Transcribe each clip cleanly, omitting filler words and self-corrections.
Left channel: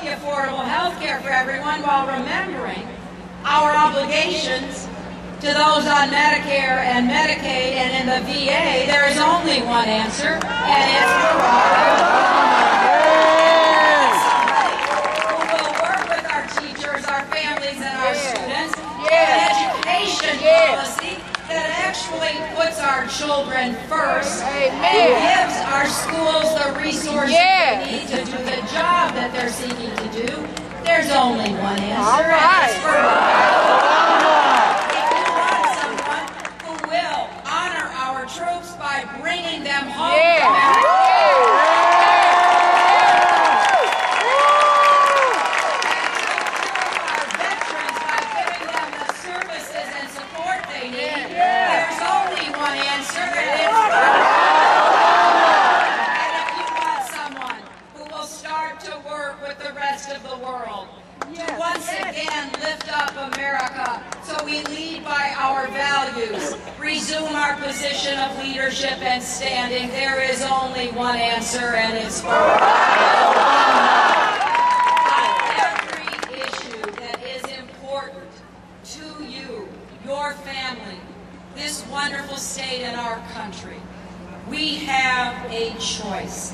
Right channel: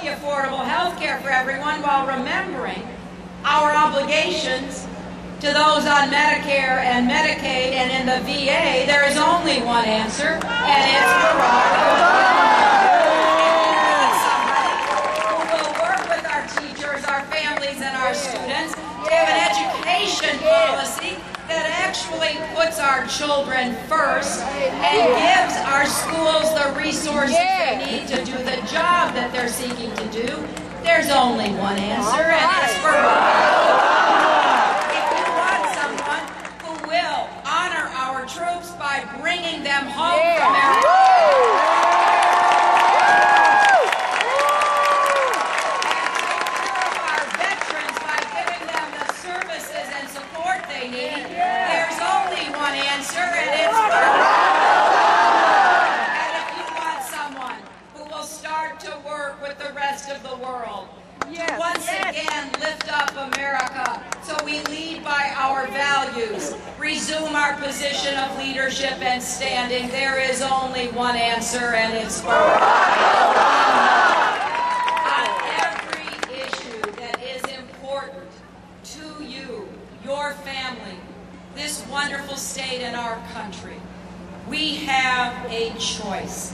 the affordable health care for everyone while remembering our obligations to those on Medicare and Medicaid and in the VA, there is only one answer, and it's Barack Obama. Who will work with our teachers, our families, and our students to an education policy that actually puts our children first and gives our schools the resources they need to do the job that they're seeking to do. There's only one answer, and it's Barack Obama. Troops by bringing them home from our veterans by giving them the services and support they need. There's only one answer, and it's and if you want someone who will start to work with the rest of the world to once again lift up America so we lead by our values, resume our position of leadership and standing, there is only one answer, and it's Barack Obama. On every issue that is important to you, your family, this wonderful state and our country, we have a choice.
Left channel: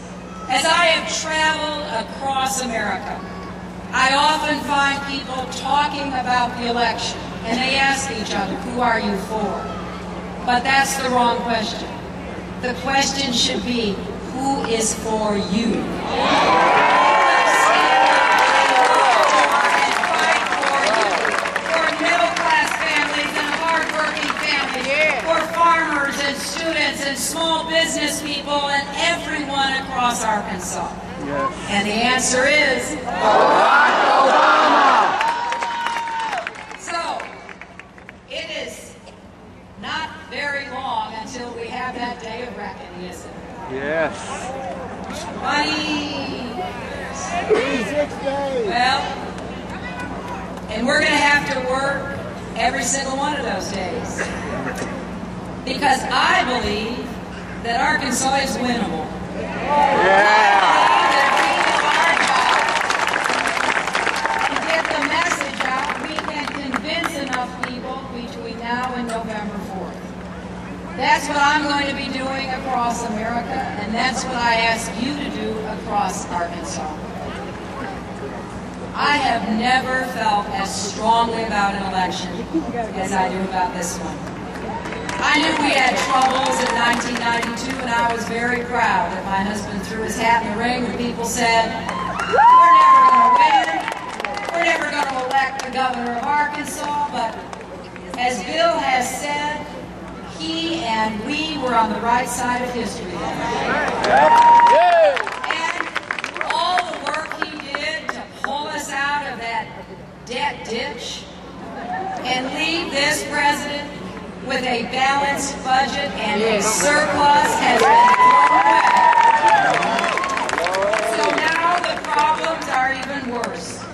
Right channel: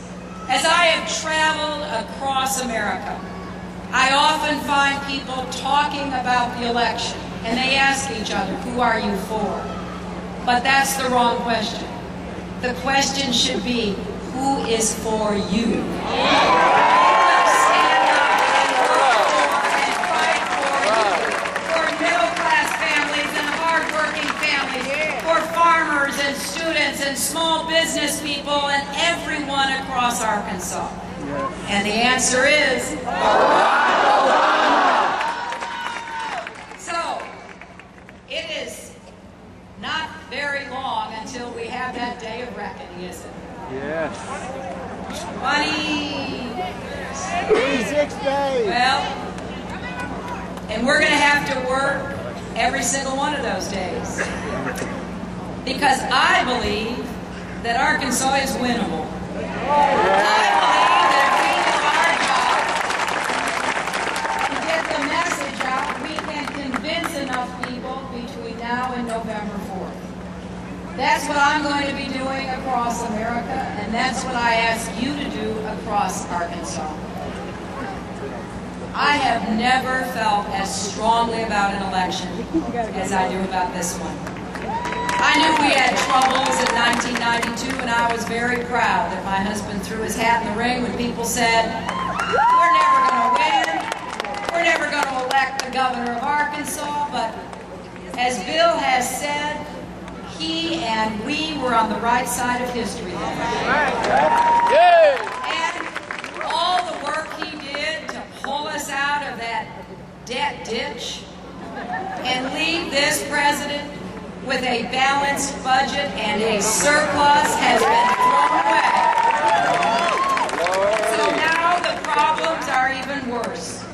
As I have traveled across America, I often find people talking about the election, and they ask each other, who are you for? But that's the wrong question. The question should be, who is for you? Stand up and fight for you. For middle-class families and hard-working families. For farmers and students and small business people and everyone across Arkansas. And the answer is Barack Obama. So, it is not very long until we have that day of reckoning, is it? Yes. 26 days. Well, and we're going to have to work every single one of those days. Because I believe that Arkansas is winnable. Now and November 4th. That's what I'm going to be doing across America, and that's what I ask you to do across Arkansas. I have never felt as strongly about an election as I do about this one. I knew we had troubles in 1992, and I was very proud that my husband threw his hat in the ring when people said, we're never going to win, we're never going to elect the governor of Arkansas, but as Bill has said, he and we were on the right side of history then. And all the work he did to pull us out of that debt ditch and leave this president with a balanced budget and a surplus has been thrown away. So now the problems are even worse.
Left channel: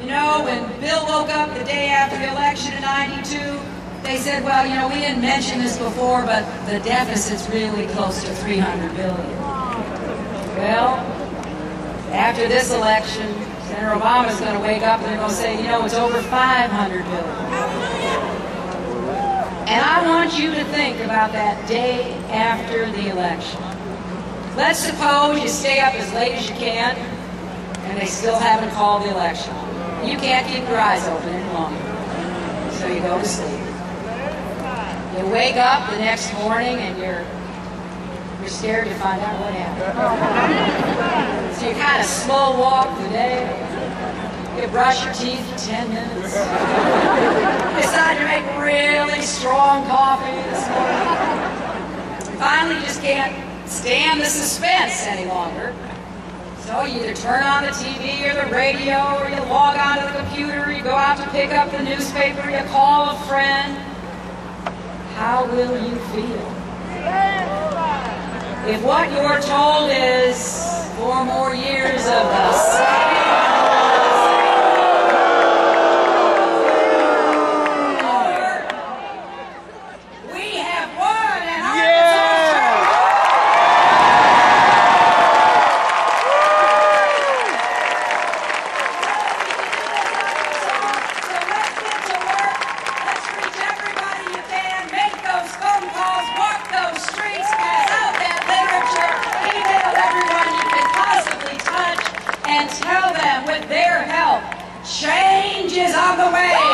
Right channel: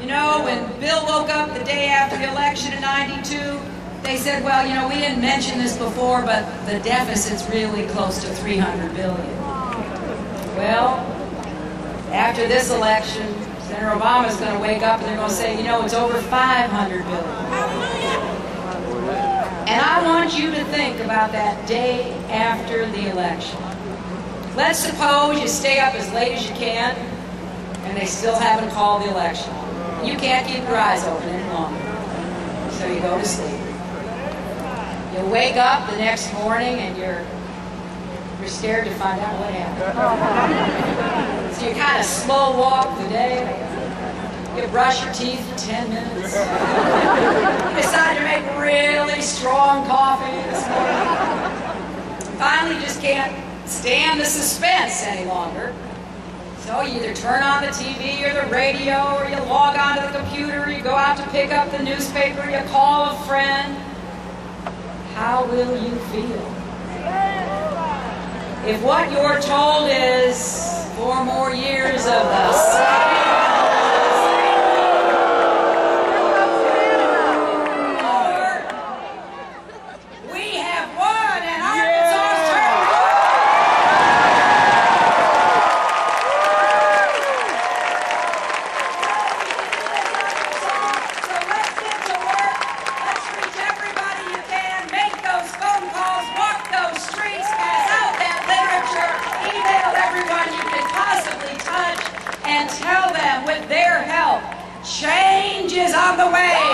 You know, when Bill woke up the day after the election in '92, they said, well, you know, we didn't mention this before, but the deficit's really close to $300 billion. Well, after this election, Senator Obama's going to wake up and they're going to say, you know, it's over $500 billion. And I want you to think about that day after the election. Let's suppose you stay up as late as you can, and they still haven't called the election. You can't keep your eyes open any longer, so you go to sleep. You wake up the next morning and you're scared to find out what happened. So you kind of slow walk the day. You brush your teeth for 10 minutes. You decide to make really strong coffee this morning. Finally, you just can't stand the suspense any longer. So you either turn on the TV or the radio, or you log onto the computer, or you go out to pick up the newspaper, you call a friend. How will you feel? If what you're told is 4 more years of the same change is on the way.